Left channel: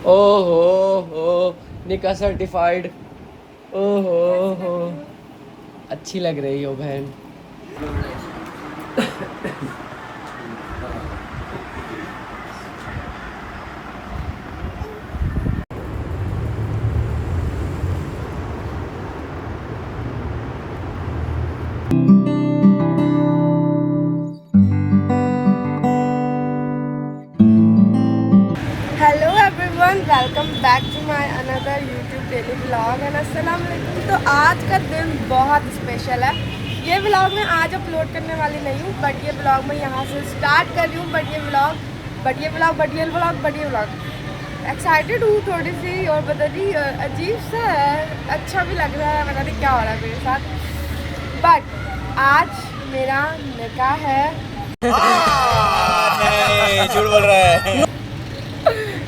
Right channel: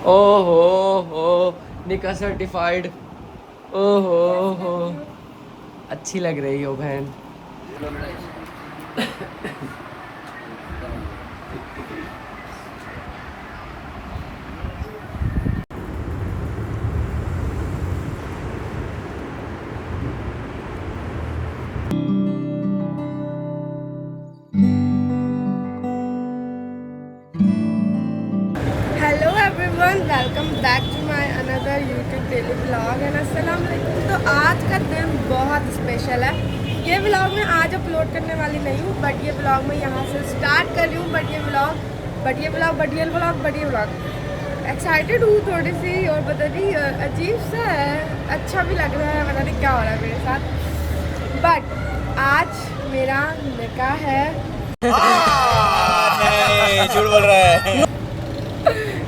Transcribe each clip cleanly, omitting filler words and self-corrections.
ओहो हो, निका सर्टिफाइड। ओहो हो, अच्छी लग रही हो बहन। Hello everyone, welcome back to my another YouTube daily vlog and अस्सलाम वालेकुम। तो आज का दिन बहुत स्पेशल है। ये व्लॉग मैं आज अपलोड करने वाली नहीं हूँ, बट ये व्लॉग मैं यहाँ से स्टार्ट कर रही हूँ। बट ये व्लॉग एक्साइटेड हूँ थोड़ी सी, और पता नहीं अजीब सा है, अच्छा भी लग रहा है, पता नहीं क्या हो रहा है मेरे साथ। बट आज मेरा निकाह है। नहीं, झूठ बोल रहा है।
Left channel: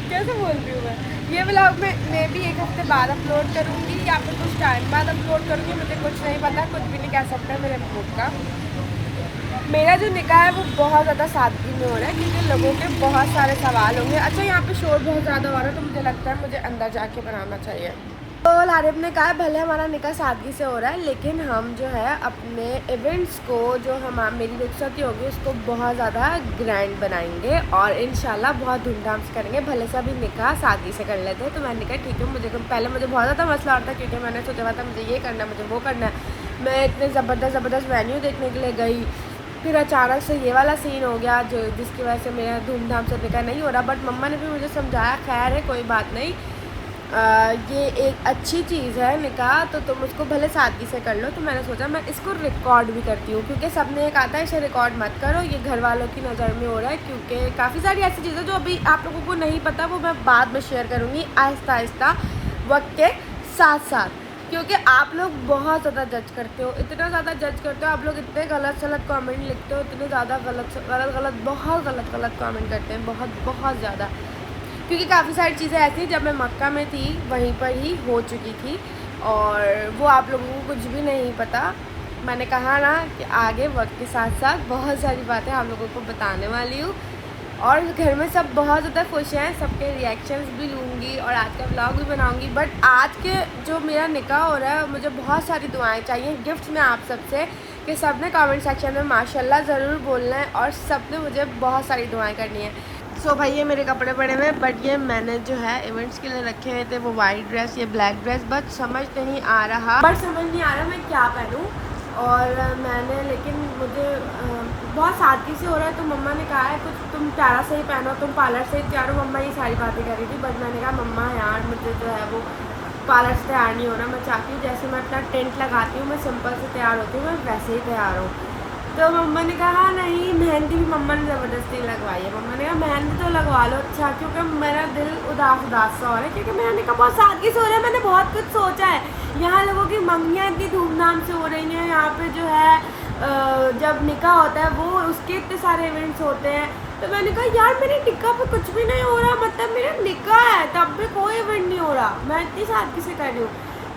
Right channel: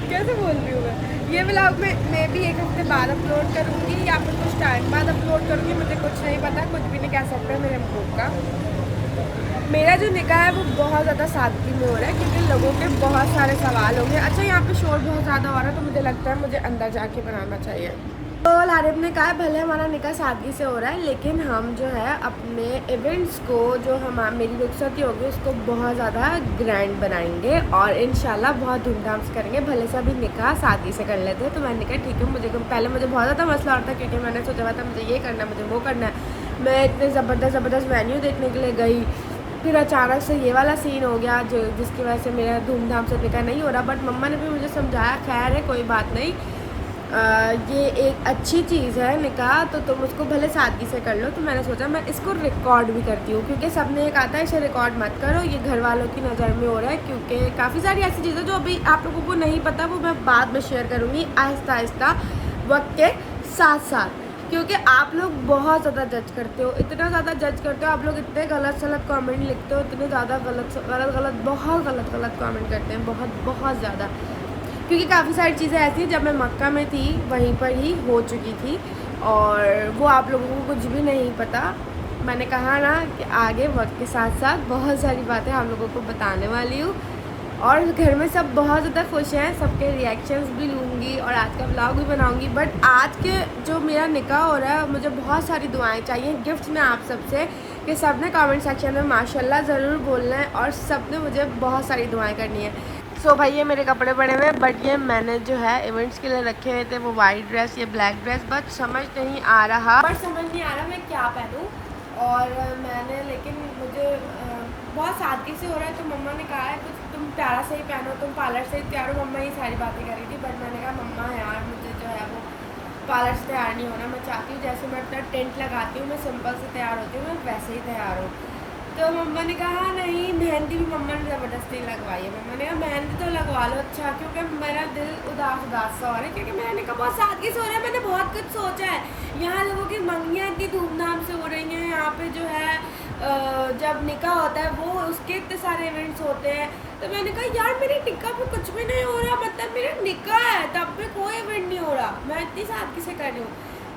कैसे बोल रही हूँ मैं? ये व्लॉग मैं भी एक हफ्ते बाद अपलोड करूँगी या फिर कुछ टाइम बाद अपलोड करूँगी, मुझे कुछ नहीं पता, कुछ भी नहीं कह सकते मेरे महबूब का। मेरा जो निकाह है वो बहुत ज़्यादा सादगी में हो रहा है, क्योंकि लोगों के बहुत सारे सवाल होंगे। अच्छा, यहाँ पे शोर बहुत ज़्यादा हो रहा है, तो मुझे लगता है मुझे अंदर जाके बनाना चाहिए। तो लारिब ने कहा भले हमारा निकाह सादगी से हो रहा है, लेकिन हम जो है अपने इवेंट्स को, जो हम मेरी रुखसती होगी उसको बहुत ज़्यादा ग्रैंड बनाएंगे और इंशाल्लाह बहुत धूमधाम से करेंगे। भले से अभी निकाह सादगी से कर लेते हैं। तो मैंने कहा ठीक है, मुझे पहले मुझे बहुत ज़्यादा मसला होता, क्योंकि मैंने सोचा हुआ था मुझे ये करना है, मुझे वो करना है। मैं इतने ज़बरदस्त वेन्यू देखने के लिए गई, फिर अचानक से ये वाला सीन हो गया जो जिसकी वजह से मेरा धूमधाम से निकाह नहीं हो रहा। बट मम्मा ने भी मुझे समझाया, खैर है कोई बात नहीं, ये एक अच्छी चीज़ है निकाह, तो तुम उसको भले सादगी से कर लो। तो मैंने सोचा मैं इसको रिकॉर्ड भी करती हूँ, क्योंकि सबने एक आता है इसे रिकॉर्ड मत करो, ये घर वालों की नज़र में हो रहा है। क्योंकि काफ़ी सारी ऐसी चीज़ें जो अभी आप लोगों को नहीं पता, वो मैं बाद में शेयर करूँगी आहिस्ता आहिस्ता वक्त के साथ साथ। क्योंकि आप लोग बहुत ज़्यादा जज करते हो, इतना ज़्यादा जज करते हो, आप लोग इतने गलत कमेंट लिखते हो, इतने ज़्यादा बहुत गलत कमेंट करते हैं, बहुत ज़्यादा। क्योंकि काफ़ी सारी चीज़ें ऐसी हैं जब मैं मक्का में थी वहीं पर ही हो चुकी थी, और वो आप लोगों को कुछ भी नहीं पता। मैंने कहा ना कि आगे वक्त के साथ साथ बहुत सारी बातें आप लोगों को बताने वाली हूँ, और घर में सब बहुत ज़्यादा खुश हैं, सबके रिएक्शंस भी लूँगी और आज का व्लॉग भी बनाऊँगी। बट आज के जो मेरा निकाह हो रहा है, मुझे बहुत सारी दुआएं चाहिए, गिफ्ट में आप सबसे, कि सब ने कमेंट सेक्शन में माशाल्लाह ज़रूर बोलना है, और सब ने मुझे बहुत सारी दुआएं करनी है। सो भाई ये मेरे कपड़े पड़े हुए हैं, बट ये मैंने जो है इवेंट्स के लिए रखे हुए थे, वो वाइट ड्रेस, ये ब्लैक ड्रेस, बट समझ नहीं आ रहा मैं क्या पहनूँ। और मैंने, लेकिन मुझे बहुत सादगी से हो रहा है, तो मम्मा ने कहा है कुछ तुम प्यारा से ही पहनो, तुम पार्लर से ही तैयार हो। मम्मा ये सारी बातें कर रही थी, बट मैंने कहा मम्मा यार मुझे जो है वो पार्लर से तैयार नहीं होना, मैं चाहती हूँ जैसे मैं अपना टेंट लगाती हूँ, मैं सिंपल से तैयार होती हूँ, मैं वैसे ही तैयार हूँ। तो मम्मा ने कहा नहीं, मेहंदी भी मम्मा ने ज़बरदस्ती लगवाई है। मम्मा ने कहा मेहंदी तो लगवा लो, अच्छा, क्योंकि मेरा दिल उदास सा हो रहा है, क्योंकि मैंने कहा बहुत सादगी से हो रहा है, मैंने बहुत कुछ सोचा है। यहाँ लोगों की मंगियाँ इतनी धूमधाम से हो रही हैं, यहाँ पे जो है जब निकाह होता है वो उसके इतने सारे इवेंट्स होते हैं। तो मैंने कहा यार मेरे निकाह पे कुछ भी नहीं हो रहा, मतलब मेरा निकाह है तब भी कोई इवेंट नहीं हो रहा, मैं इतनी सादगी से कर रही हूँ।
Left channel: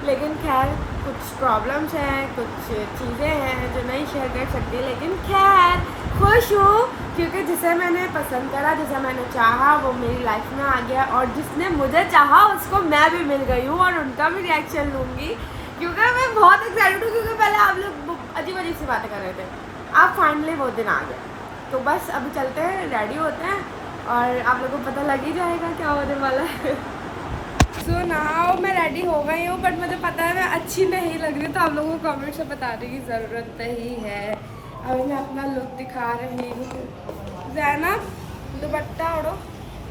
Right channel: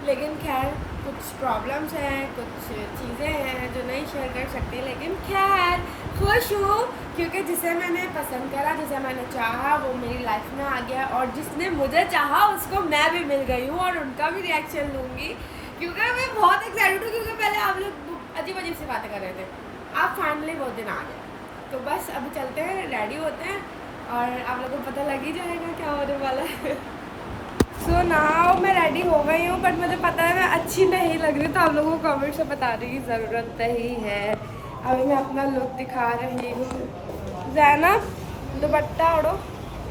लेकिन खैर कुछ प्रॉब्लम्स हैं, कुछ चीज़ें हैं जो नहीं शेयर कर सकती, लेकिन खैर खुश हूँ, क्योंकि जिसे मैंने पसंद करा, जिसे मैंने चाहा, वो मेरी लाइफ में आ गया, और जिसने मुझे चाहा उसको मैं भी मिल गई हूँ, और उनका भी रिएक्शन लूँगी, क्योंकि मैं बहुत एक्साइटेड हूँ। क्योंकि पहले आप लोग अजीब सी बातें कर रहे थे, अब फाइनली वो दिन आ गया। तो बस अभी चलते हैं, रेडी होते हैं, और आप लोगों को पता लग ही जाएगा क्या होने वाला है। सो नाउ मैं रेडी हो गई हूँ, बट मुझे पता है मैं अच्छी नहीं लग रही, तो आप लोगों को कमेंट से बताने की ज़रूरत नहीं है। अभी मैं अपना लुक दिखा रही हूँ। ज़ैनब दुपट्टा ओढ़ो।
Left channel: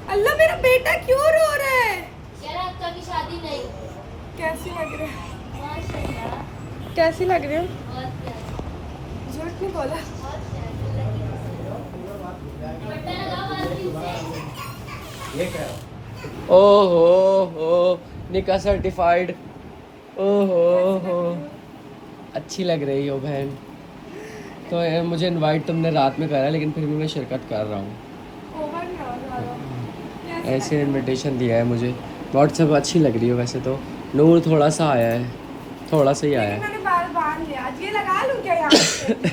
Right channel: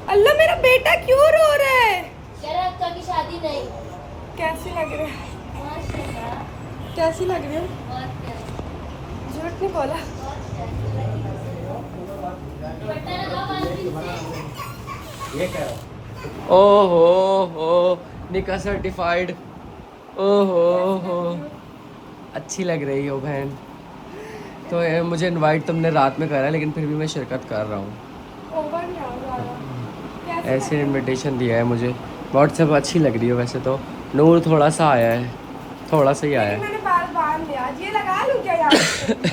अल्लाह मेरा बेटा क्यों रो रहा है? कभी शादी नहीं। कैसी लग रही है? बहुत कैसी लग रही है? प्यारी। झूठ नहीं बोला। दुपट्टा लगाओ वाले से। ओहो हो, निका सर्टिफाइड। ओहो हो, अच्छी लग रही हो बहन। तो मुझे इनवाइट तुमने रात में करा, लेकिन फिर भी मैं शिरकत कर रहा हूँ। ओवर नहीं हो ज़्यादा। ऐसे इनविटेशन दिया है मुझे व्हाट्सएप। अच्छी लग रही हो वैसे तो, नूर थोड़ा सा आया है, थोड़ा सा ही आया है। मैंने बाल बांध लिया, ये लगा लूँ क्या यहाँ पे?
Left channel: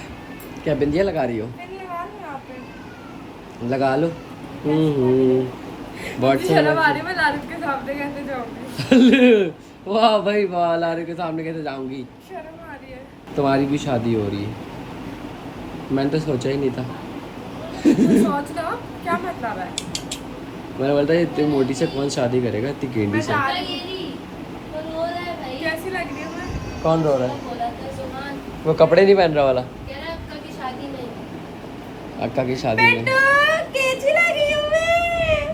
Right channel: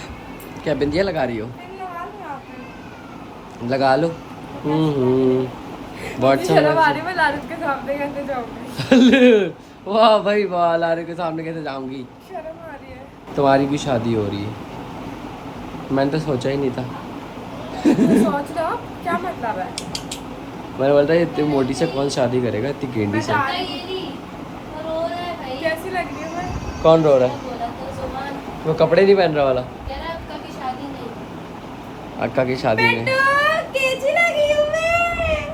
क्या बिंदिया लगा रही हो? लगा लूँ यहाँ पे? लगा लो। हम्म। बहुत शर्म आ रही है, मैं लारिफ के सामने कैसे जाऊंगी? वाह भाई वाह, लारे के सामने कैसे जाऊंगी? शर्म आ रही है। तुम्हारी भी शादी हो रही है, मैंने तो सोचा ही नहीं था। सोच लो क्या मतलब है। मैंने बोलता है इतनी मोटी से कौन शादी करेगा इतनी गेंडी मैं से। जा रही ये रही, वो रो रहा है भाई। कैसी लग रही है मैं? कौन रो रहा है? बोला था जुबान, वो कपड़े नहीं पहन रहा वाला? कह रहा है अक्का की शादी नहीं। अक्का की शादी में कैसी लग रही हूँ मैं?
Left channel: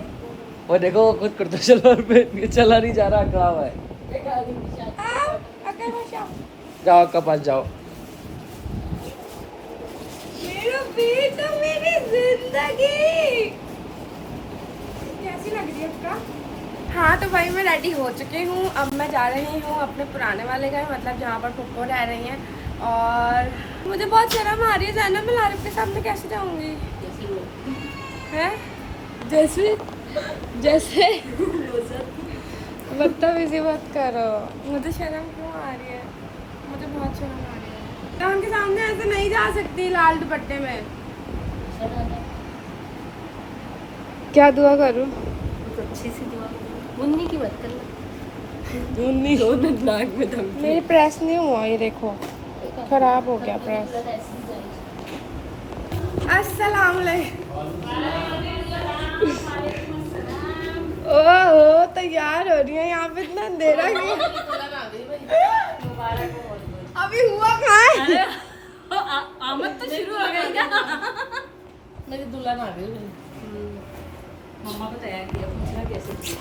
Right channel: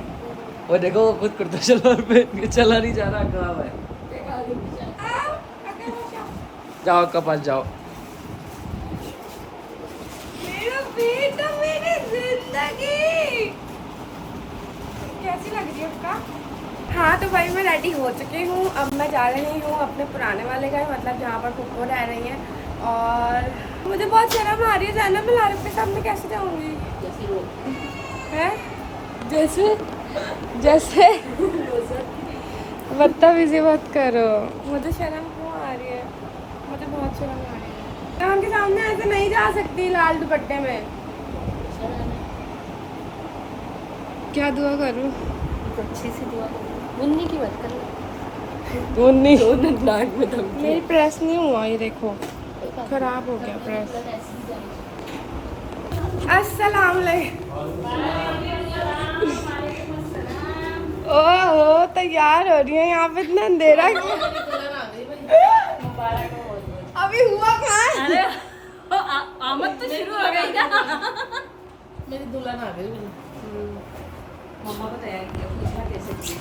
वो देखो वो खुद कुर्ता शलवार पहन के चला नहीं जा रहा, अकड़ा हुआ है। जाओ अक्का पास जाओ। मेरा बेटा, मेरी जिंदगी कैसी लग रही है उसका? हाँ तो भाई मैं रेडी हो चुकी हूँ। अब मैं जा रही हूँ अपने पुराने वाले घर, मतलब जहाँ पर फुप्पो रह रही हैं। और मुझे बहुत शर्म आ रही है जाना, मैं लारिफ के सामने कैसे जाऊँगी? जैसे वो है जैसे जैसे बदतमीजी मत करो, मुझे शर्म क्यों आ रही है? मुझे बहुत शर्म आ रही है। मैं उनके सामने ऐसे नहीं जा सकती लाल दुपट्टे में। क्या दुआ करूँ? अच्छी सी दुआ मुन्नी की मत करना। मुन्नी नाक में दम। मेरी प्रेस नहीं हुआ, ये देखो खराब हो गया प्रेस। अस्सलाम ओहो तैयार हो रही है, यहाँ पे इतना अंधेरा क्यों? अभी हुआ कहाँ है? आमद तो शुरू हो गई क्या? मेरी दुल्हन आ गई। मम्मा को तैयार किया, पूछना कैसे किया?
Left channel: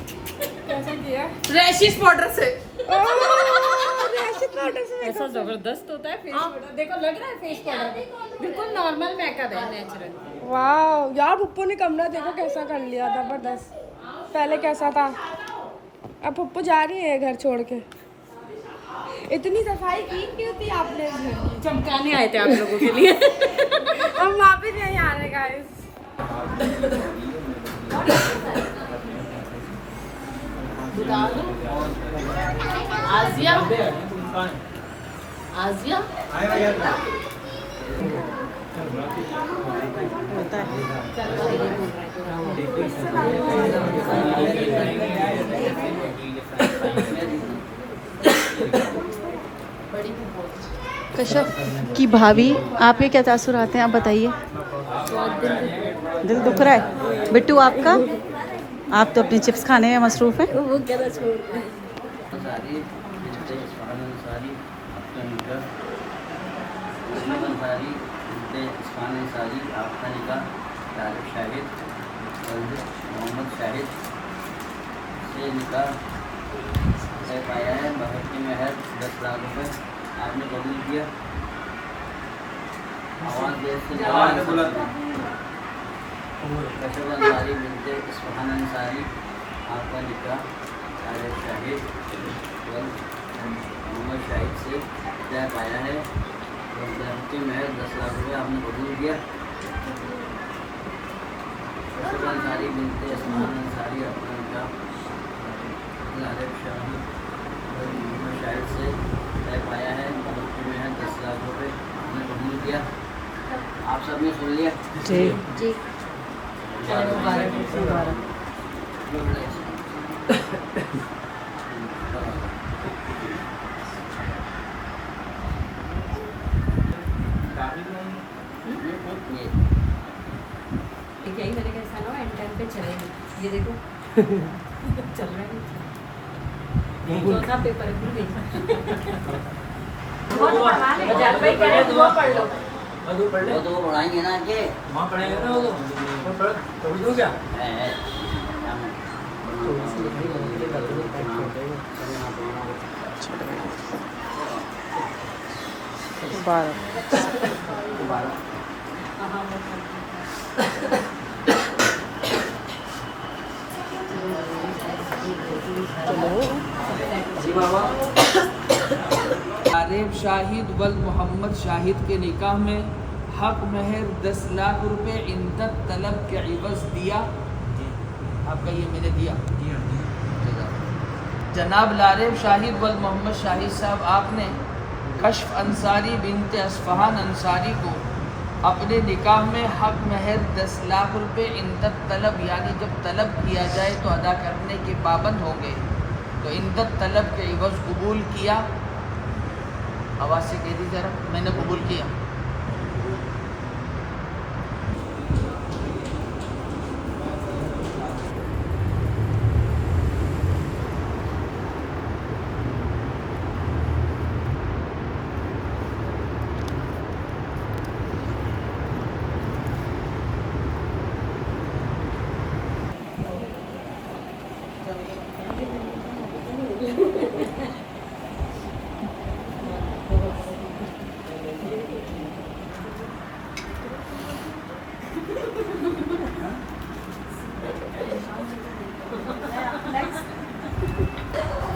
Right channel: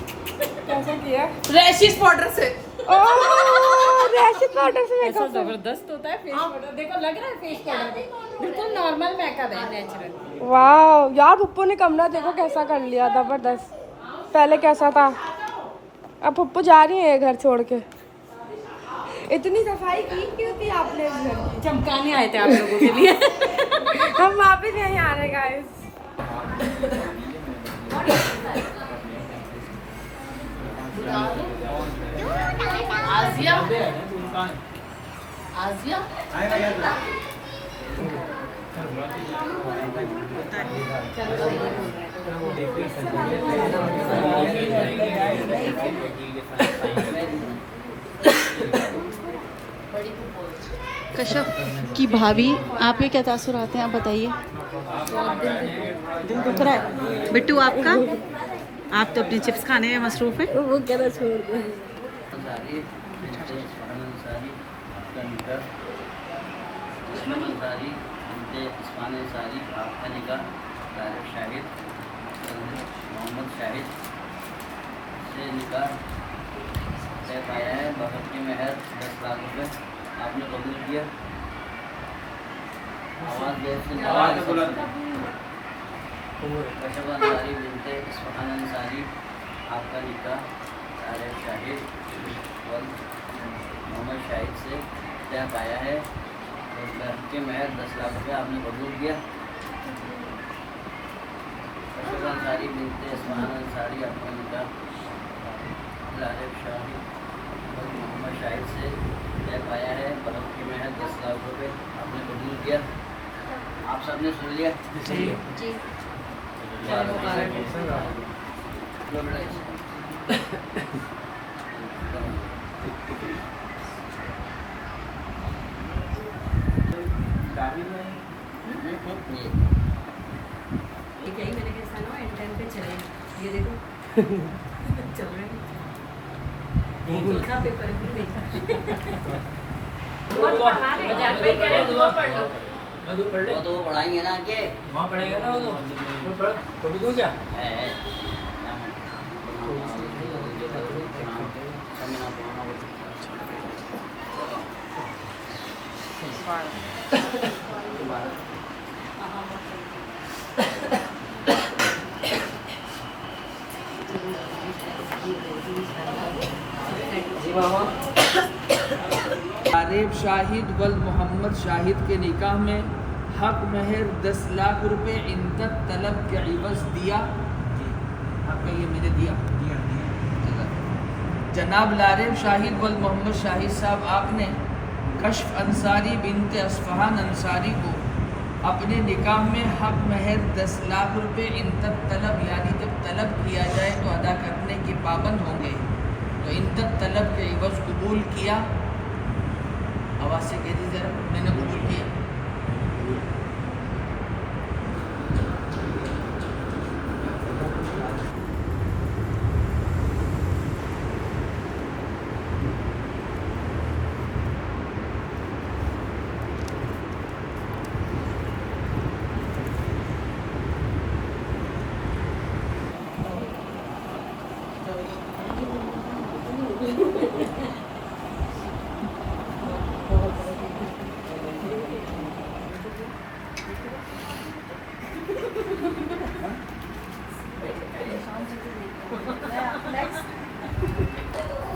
कैसा किया? रैशिस पाउडर से। ओह रैशिस पाउडर से ऐसा मेकअप। जबरदस्त होता है फेस पाउडर। देखो लग रहा है फेस पाउडर बिल्कुल नॉर्मल मेकअप है, नेचुरल। वाह यार पुप्पो ने कमरा देखो कैसा कर लिया, जबरदस्त। पहले कैसा था, अब पुप्पो जा रही है घर छोड़ के। इतनी सफाई की क्यों थी आपने इस घर की? चमकाने आए थे आप लोगों के लिए। हम वापिस नहीं आ रहे गाइस। आजिया आजिया कश्यप की भाभी, आपके क्या तासुरात हैं, आप बताइए। दिल दुख रहा है बिट्टू आपका? आप तो अपने चिप्स खाने में मसरूफ हैं। वो क्या था छोड़ दे। मोहम्मद शाहिद से निकाह तय पाया है। बहर की मेहर 10 लाख रुपए आपने कबूल किया। आवाज़ देश के कशब अंसारी बिनते इस्फहान अंसारी आपका निकाह तारिक शाहिद मोहम्मद शाहिद से तय पाया है। बहर की मेहर 10 लाख रुपए आपने कबूल किया। कशब अंसारी बिनते इस्फहान अंसारी आपका निकाह तारिक शाहिद मोहम्मद शाहिद से तय पाया है। बहर की मेहर 10 लाख रुपए आपने कबूल किया। आप सबने सुन लिया? जी ठीक है, मैंने कैसा ना एंड टाइम पे चलेगा। ये देखो चल रहा है। चौथा पेपर भी देखा। वो तो वो पढ़ाएंगे ना आगे। वहाँ पढ़ेगा ना वो कभी दो क्या? है। आरिफ शाहिद वल मोहम्मद शाहिद के निकाह में हक महर 10 लाख रुपए इंदत तलब के इवज़ दिया। आपका ये मैंने दिया। जनाब लारिफ शाहिद वल मोहम्मद शाहिद साहब, आपने कश्फ अंसारी बिनते अस्फहान अंसारी को अपने निकाह में हक महर 10 लाख रुपए इंदत तलब यानी कि तलब किया जाए तो अदा करने के पाबंद होंगे। तो इद्दत तलब के एवज कबूल किया, आवाज़ से कह दीजिए जरा, मैंने कबूल किया।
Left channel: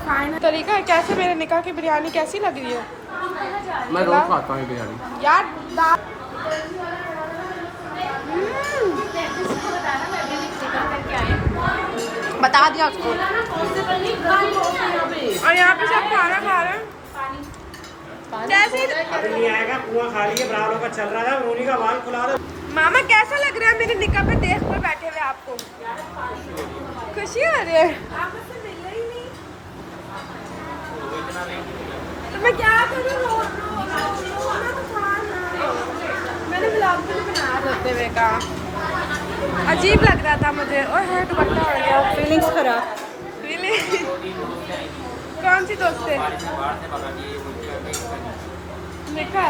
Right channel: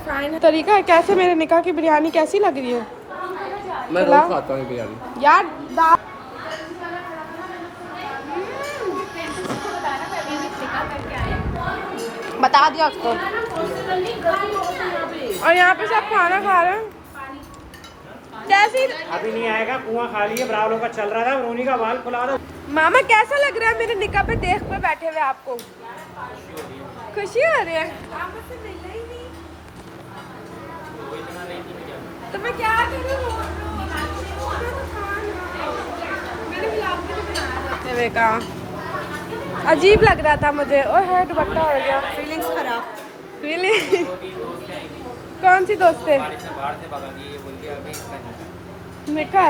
फाइनल तरीका है कैसे मेरे निकाह की बिरयानी कैसी लग रही है मैं रोज खाता हूँ बिरयानी। यार। बता दिया उसको। और यहाँ पे सब खाना खा रहे हैं जैसे मामा कैसा लग रहा है मेरे निकाह पे देख कर बैठे हुए आपको? खुशी हो रही है? आप मुझसे मिले ही नहीं तो मैं क्या करूँ? मैंने ब्लॉग भी नहीं बनाया रोते हुए का। अजीब लग रहा था मुझे। और है दुपट्टा हो गया। फीलिंग्स खराब। फीलिंग कौन सी दोस्त है? मीठा।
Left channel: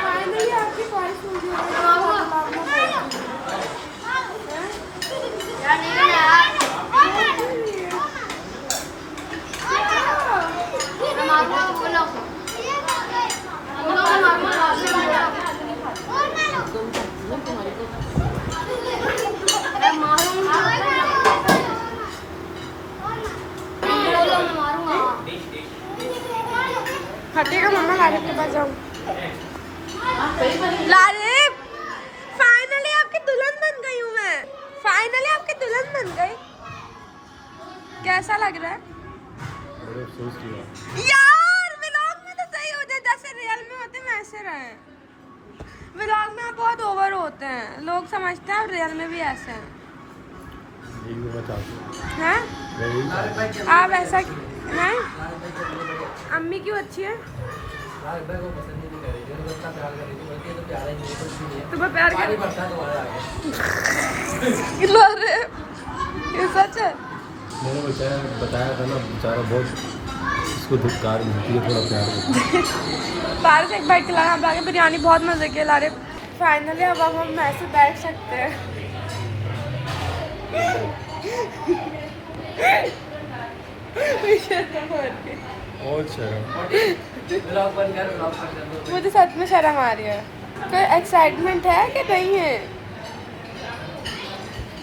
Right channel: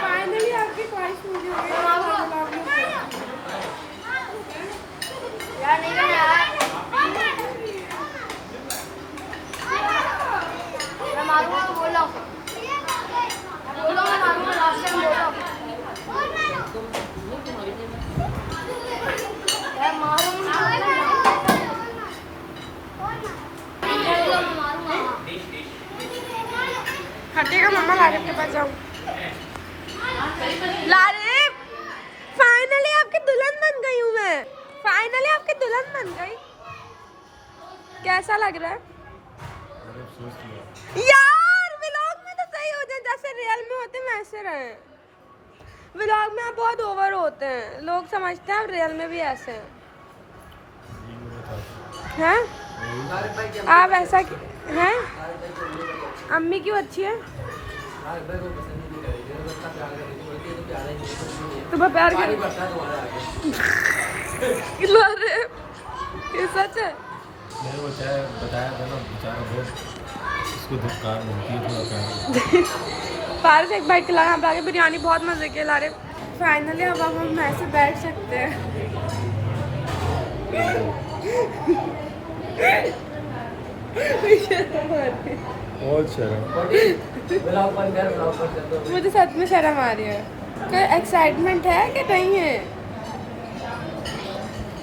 फाइनली आपकी ख्वाहिश पूरी हो गई। हटेगा मम्मा। लारिफ के पास जाऊँ। लारिफ फाइनली आपकी दुल्हन बन गई हूँ मैं। फाइनली आपकी दुल्हन बन गई। कैसा लग रहा है? बड़े अफसोस की बात। यार व्लॉग में तो सही हो जाए जैसे रियल में होते हैं वैसे रहे। व्लॉग में आप बहुत ओवर होते हैं। लोग समझते हैं आप रियल में भी ऐसे हैं। हैं? आप ऐसा हैं? अम्मी क्यों अच्छी है? तुम्हें प्यार कर ये सच है? मैंने बताया था ना, बेचारा बहुत इसको धिक्कार मिलती है, थोड़ा प्यार करता है। पारस एक बाइट खिलाया आप आगे बिरयानी बहुत मजे के ला रहे। फाइनली अब हम ऐसे बैठ सकते हैं। और शर्म। मुझे सच में शर्म आ रही है। कोई एक्साइटमेंट है कि नहीं है?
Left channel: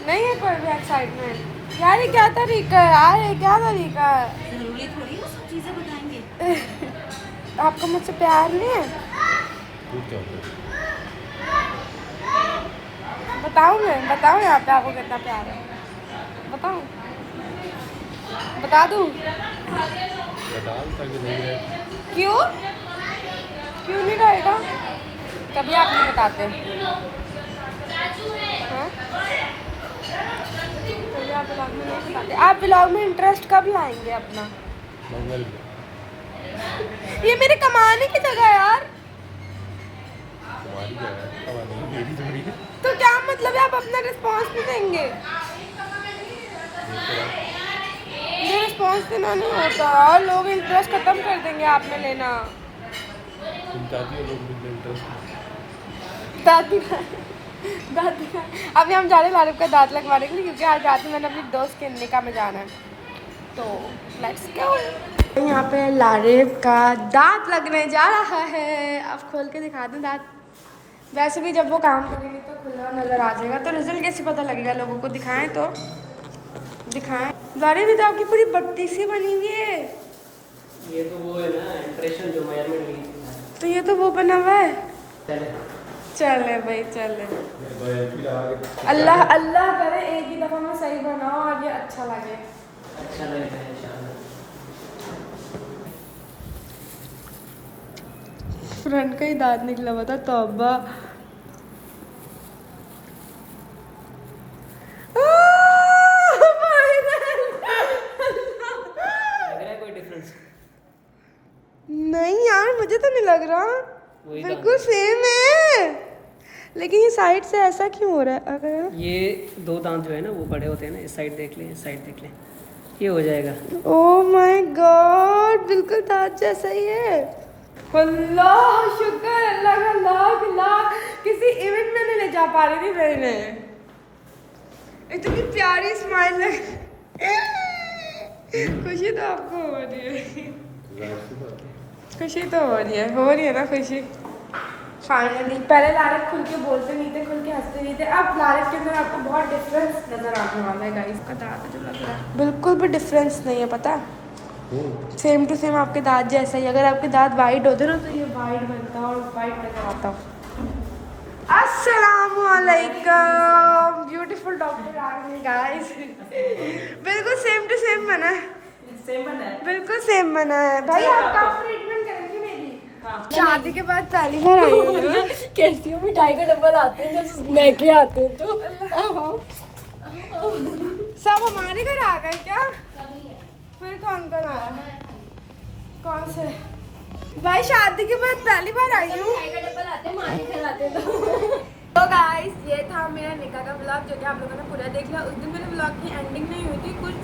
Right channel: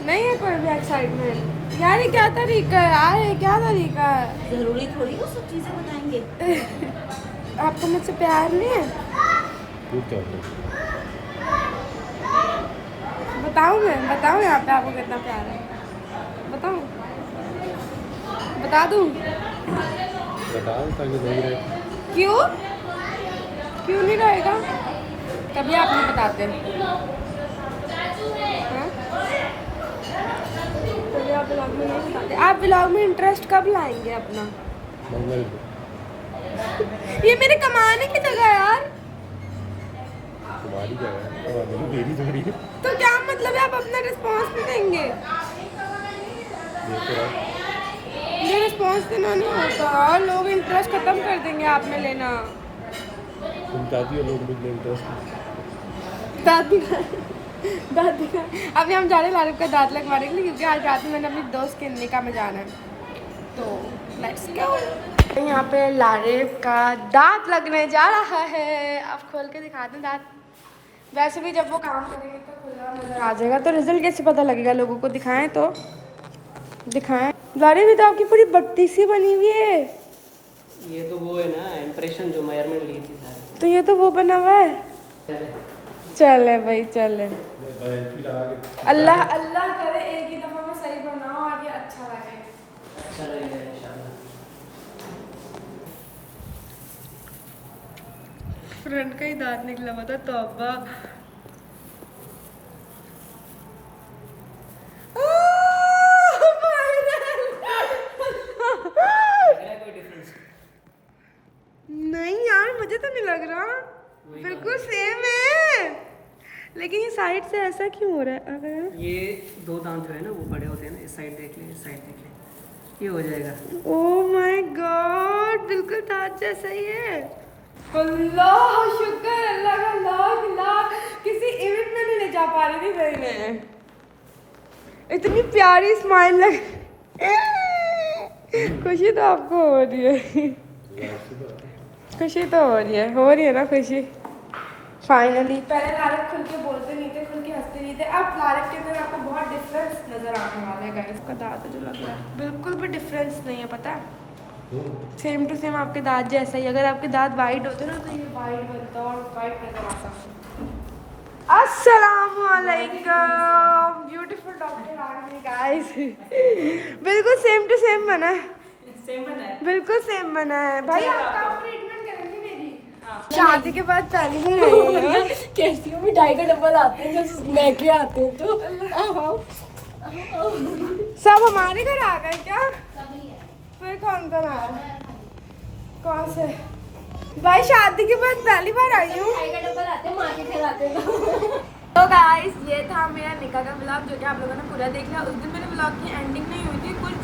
नहीं है कोई भी एक्साइटमेंट। यार ये क्या तरीका है? यार ये क्या तरीका है? जरूरी थोड़ी वो सब चीजें बताएंगे। आपको मुझसे प्यार नहीं है? बताऊँ मैं? बताऊँ यहाँ पे आपको कितना प्यार है? बताऊँ? बता दूँ? ताकि नहीं रहे। क्यों? क्यों नहीं रहेगा? कभी आप नहीं बताते। हाँ? कभी आप व्लॉग में नहीं बताते। आप व्लॉग में इंटरेस्ट कब लाएंगे अपना? मंगल को। ये मेरे कमाने की जगह है यार। तुम्हारी जगह है, मेरी थोड़ी है। तो क्या मतलब है आप अपना रिस्पॉन्स नहीं देंगे? ये रिस्पॉन्स देना नहीं होता और लोग इंटरेस्ट खत्म कर देंगे आप में लेना। तुम चाहती हो लोग मुझे इंटरेस्ट? दादी दादी अभी हम जा रहे हैं लारिफ का दांत लगवाने के लिए क्योंकि आज रात में मैंने अपनी दोस्त के निकाह में जाना है। तो लेट्स गो। यहाँ पे लारिफ का दांत लगने जा रहा है। अब खोल के दिखा दें दांत। वैसे भी जब वो काम करेंगे तो खुला नजर आ जाएगा। तो रिजल्ट कैसे पता लगेगा लोगों को? दिखाएं तो दिखाएं। लारिफ भी तो आपकी पूरी बत्ती सी बनी हुई है। ये तो वो है ना इम्प्रेशन जो मेजरमेंट ली थी। तो ये तो वो बना हुआ है। चले भाई चले। अल्लाह अल्लाह करे एक ही दफा में सही बनाओ आगे अच्छा लगे। फ्रंट का ही दांत निकला हुआ था। तौबा बिल्कुल सेम है, लेकिन ये साइड से ऐसा क्यों हो रहा है? अगर ये दो दांत जो है ना वो बड़े होते हैं ना, इस साइड देख लें, इस साइड देख लें, ये हो जाएगा। ओह माय गॉड, बिल्कुल दांत जैसा ही है। अल्लाह शुक्र, अल्लाह का लाख लाख। किसी इवेंट में नहीं ले जा पा रही थी मैंने, इतनी प्यारी स्माइल लग। खुशी तो आपको हो रही है, खुशी तो हो रही है ना खुशी। फाइनली, पहले लारिफ खुल के बोलते नहीं थे, खुल के हंसते नहीं थे, अब लारिफ के अंदर आपको बहुत डिफरेंस नजर आने वाला है गाइस। का दांत जो लग रहा है बिल्कुल भी डिफरेंस नहीं है, पता है? सेम टू सेम आपके दांत जैसा ही। अगर आपके दांत वाइट होते ना तो ये वाइट बनता और वाइट नजर आता। अस्सलामुअलैकुम, ब्यूटीफुल डॉक्टर आ गए गाइस। बिल्कुल सेम टू सेम बना है, बिल्कुल सेम बना है भाई। आपका ट्रीटमेंट करेंगे मेरी शादी के बाद पहली बार आई हूँ। कैसी हो? मिठाई का डब्बा लाते हैं जब मैं के आते हो तो। सब हमारे घर आ गए क्या? फिर कौन कौन आया? कौन से भाई? शादी के बाद पहली बार आई हूँ। मिठाई का डब्बा लाते हैं, माँ के घर आते हैं तो गाइस, ये था मेरा निकाह का व्लॉग जो कि आप लोगों ने पूरा देख लिया। उस दिन मेरे व्लॉग की एंडिंग नहीं हुई थी, कुछ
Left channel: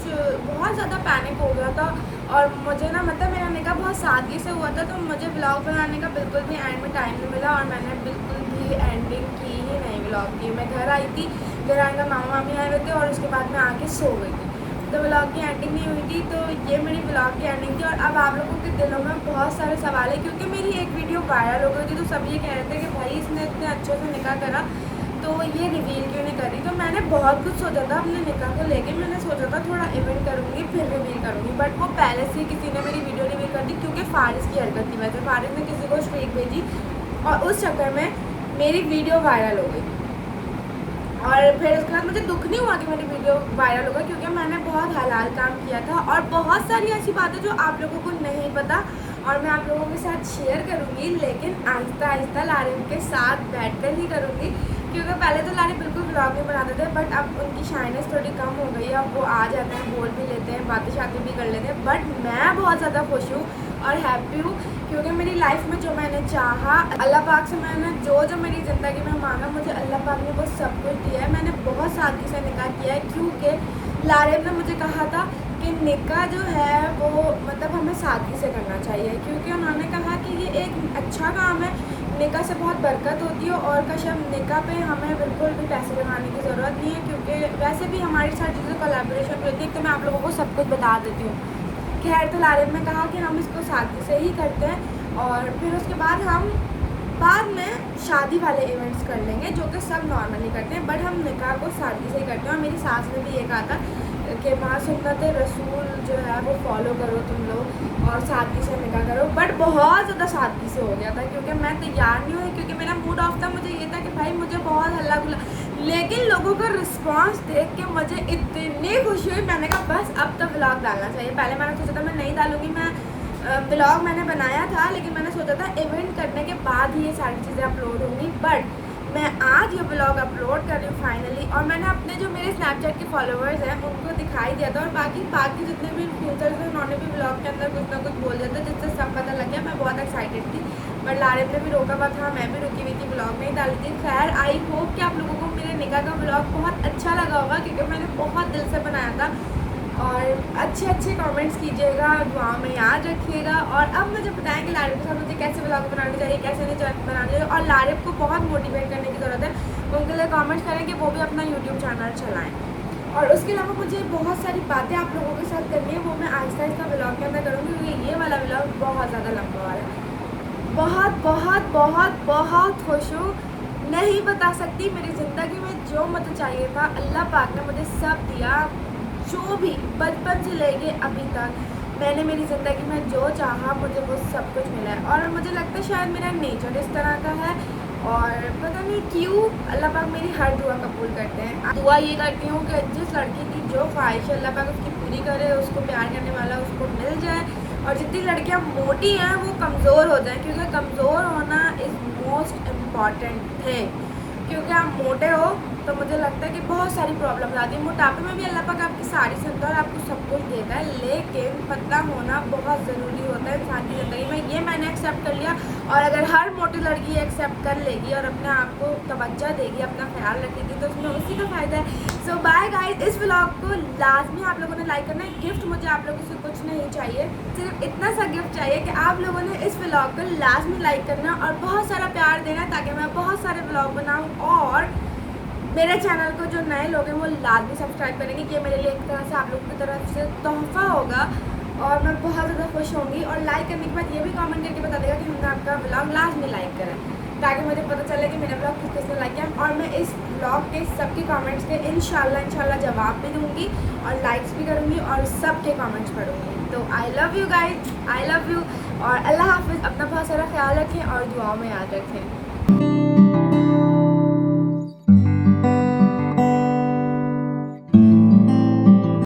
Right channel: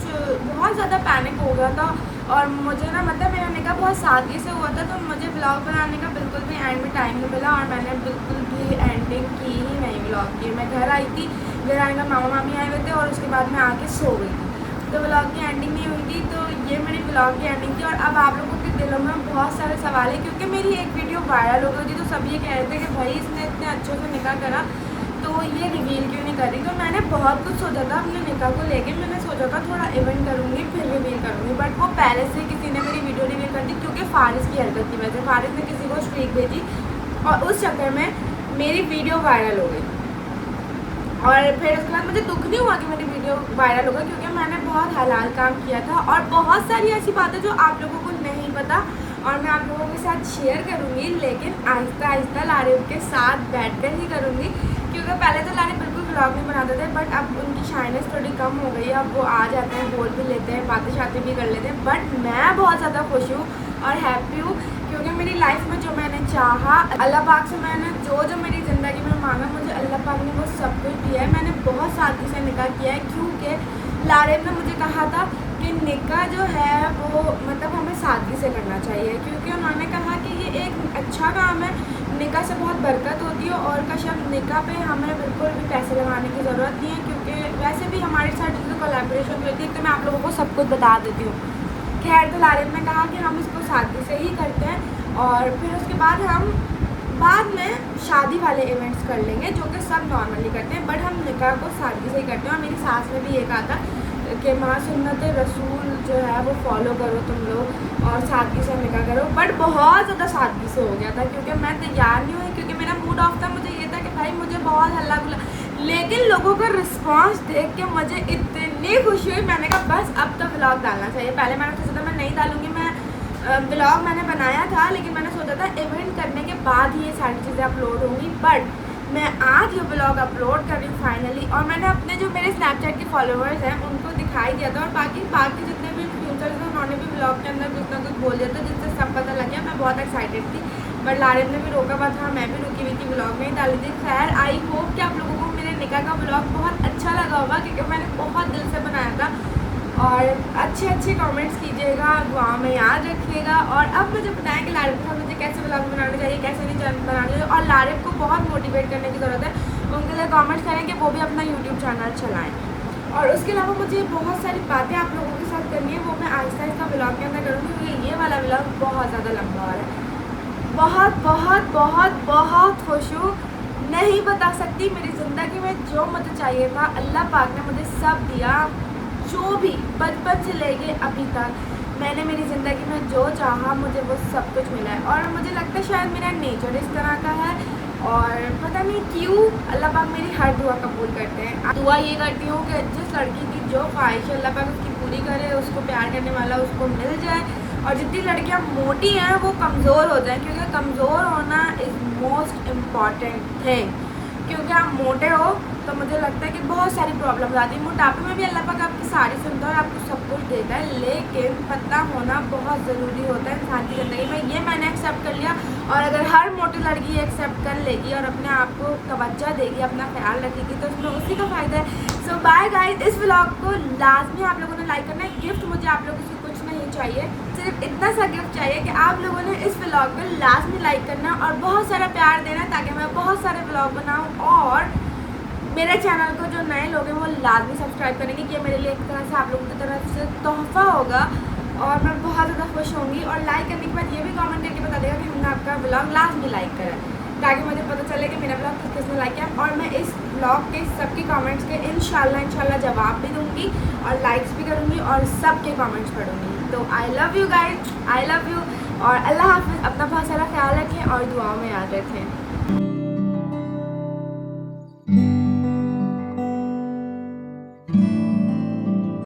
बहुत ज़्यादा पैनिक हो गया था और मुझे ना मतलब मेरा निकाह बहुत सादगी से हुआ था, तो मुझे व्लॉग बनाने का बिल्कुल भी एंड में टाइम नहीं मिला और मैंने बिल्कुल भी एंडिंग की ही नहीं व्लॉग की। मैं घर आई थी, घर आने का मामा मामी आए हुए थे और उसके बाद मैं आके सो गई थी, तो व्लॉग की एंडिंग नहीं हुई थी। तो ये मेरी व्लॉग की एंडिंग थी। और अब आप लोगों के दिलों में बहुत सारे सवाल है, क्योंकि मेरी एक वीडियो वायरल हो गई थी, तो सब ये कह रहे थे कि भाई इसने इतने अच्छे से निकाह करा तो ये रिवील क्यों नहीं करी। तो मैंने बहुत कुछ सोचा था अपने निकाह को लेके। मैंने सोचा था थोड़ा इवेंट करूँगी फिर रिवील करूँगी, बट वो पहले से किसी ने मेरी वीडियो रिवील कर दी, क्योंकि फारिस की हरकत की वजह से। फारिस ने किसी को स्ट्रीक भेजी और उस चक्कर में मेरी वीडियो वायरल हो गई। और फिर उसके बाद मुझे दुख नहीं हुआ कि मेरी वीडियो वायरल होगा, क्योंकि मैंने बहुत हलाल काम किया था और बहुत सारी ऐसी बातें जो आप लोगों को नहीं पता और मैं आप लोगों के साथ शेयर करूँगी, लेकिन आहिस्ता आहिस्ता लारिफ के साथ बैठकर ही करूँगी। क्योंकि पहले तो लारिफ बिल्कुल व्लॉग नहीं बनाते थे, बट अब उनकी शाइनेस थोड़ी कम हो गई है। अब वो आ जाते हैं, बोल भी लेते हैं, बातें शातें भी कर लेते हैं। बट मैं बहुत ज़्यादा खुश हूँ और हैप्पी हूँ, क्योंकि मेरी लाइफ में जो मैंने चाहा, अल्लाह पाक से मैंने जो मेरी ज़िंदगी में मांगा, मुझे अल्लाह पाक ने वो सब कुछ दिया है। मैंने बहुत सादगी से निकाह किया है, क्योंकि लारिफ ने मुझे कहा था कि निकाह जो है वो मतलब हमें सादगी से करना चाहिए, क्योंकि उन्होंने कहा कि ये एक अच्छा काम है, निकाह से बहुत बरकत होती है और कशम निकाह पे हमें बिल्कुल भी पैसे लगाने की ज़रूरत नहीं है, क्योंकि वैसे भी हमारे साथ जो कोलैबोरेशन होती है तो मैं आप लोगों को सब कुछ बता देती हूँ। खैर, तो लारिफ ने कहा कि हम इसको सादगी से ही करते हैं और फिर उसके बाद हम बाद में शादी वाले इवेंट्स कर लेंगे, जो कि सब नॉर्मली करते हैं, बट हम निकाह को सादगी से ही करते हैं। और मेरी सास ने भी ये कहा था कि माँ सुन्नत रसूल जो है वो फॉलो करो तुम लोग और सादगी से निकाह करो। बट बहुत ज़्यादा सादगी से हो गया था, क्योंकि मैं तैयार नहीं हुई, क्योंकि मेरा मूड ऑफ था। मुझे ये था कि भाई मुझे बहुत हल्ला गुल्ला, लेकिन लोगों का रिस्पांस देख के मुझे इतनी खुशी हुई। मैंने कहा बस अब तो व्लॉग डालना चाहिए। पहले मैंने सोचा था मैं नहीं डालूँगी, मैं व्लॉग मैंने बनाया था, लेकिन मैंने सोचा था इवेंट करने के बाद ही ये सारी चीज़ें अपलोड होंगी। बट मैं आज ये व्लॉग अपलोड कर रही हूँ फाइनली, और मैंने अपने जो मेरे स्नैपचैट के फॉलोअर्स हैं उनको दिखाई दिया था, और बाकी जितने भी फ्यूचर्स हैं उन्होंने भी व्लॉग के अंदर कुछ ना कुछ बोल दिया था, जिससे सब पता लग गया। मैं बहुत एक्साइटेड थी, बट लारिफ ने भी रोका हुआ था, मैं भी रुकी हुई थी, व्लॉग में ही डाली थी। खैर, आई होप कि आप लोगों को मेरे निकाह का व्लॉग बहुत अच्छा लगा होगा, क्योंकि मैंने बहुत दिल से बनाया था। और अच्छे कमेंट्स कीजिएगा, दुआ में याद रखिएगा। और अब मुझे बताएं कि लारिफ के साथ मुझे कैसे व्लॉग बनाने चाहिए, कैसे नहीं बनाने चाहिए। और लारिफ को बहुत मोटिवेट करने की ज़रूरत है, उनके लिए कमेंट्स करें कि वो भी अपना यूट्यूब चैनल चलाएं। और उसके अलावा मुझे बहुत सारी बातें आप लोगों के साथ करनी है, वो मैं आहिस्ता आहिस्ता व्लॉग के अंदर करूँगी, क्योंकि ये वाला व्लॉग बहुत ज़्यादा लंबा हो रहा है। बहुत बहुत बहुत बहुत खुश हूँ, नहीं बता सकती। मेरी ज़िंदगी में जो मुझे चाहिए था अल्लाह पाक ने मुझे सब दिया, जो भी बचपन से लेके अभी तक मैंने मेरी ज़िंदगी में जो चाहा मुझे वो सब कुछ मिला है। और मुझे लगता है शायद मेरा नेचर इस तरह का है, और पता नहीं क्यों अल्लाह पाक मेरी हर दुआ कबूल करते हैं। दुआ ये करती हूँ कि जिस लड़की की जो ख्वाहिश है अल्लाह पाक उसकी पूरी करे, उसको प्यार करने वाला उसको मिल जाए। और जितनी लड़कियाँ मोटी हैं वो कमज़ोर हो जाएं, क्योंकि कमज़ोर होना इज़ मोस्ट इम्पॉर्टेंट थिंग। क्योंकि आप मोटे हो तो मुझे लगता है कि बहुत सारी प्रॉब्लम्स आती है। मोटापे में भी अल्लाह पाक आपकी सारी सुनता है और आपको सब कुछ देता है, लेकिन पतला होना बहुत ज़रूरी होता है इंसान की ज़िंदगी में। ये मैंने एक्सेप्ट कर लिया और अगर हर मोटी लड़की एक्सेप्ट कर लेगी और अपने आप को तवज्जो देगी, अपना ख्याल रखेगी, तो उसमें उसी का फ़ायदा है। सो बाय गाइस, इस व्लॉग को लाजमी आप लोगों ने लाइक करना है। गिफ्ट मुझे आप लोगों से कुछ नहीं चाहिए, सिर्फ इतना सा गिफ्ट चाहिए कि आप लोगों ने इस व्लॉग को लाजमी लाइक करना और बहुत सारा प्यार देना, ताकि मैं बहुत सारे व्लॉग बनाऊँ। और मेरे चैनल को जो नए लोग हैं वो लाजमी सब्सक्राइब करेंगे कि ये मेरे लिए एक तरह से आप लोगों की तरफ से तोहफ़ा होगा और मैं बहुत ज़्यादा खुश होंगी। और लाइक करने के बाद ये भी कमेंट करके बता देगा कि हमने आपका व्लॉग लाजमी लाइक करा, ताकि मुझे पता चले कि मेरा व्लॉग किस किसने लाइक किया। और मैं इस व्लॉग के सबके कमेंट्स के इंशाल्लाह जवाब भी दूँगी और लाइक्स भी करूँगी और सबके कमेंट्स पढ़ूँगी। तो I love you guys, I love you और अल्लाह हाफिज़। अपना बहुत सारा ख्याल रखें और दुआओं में याद रखें।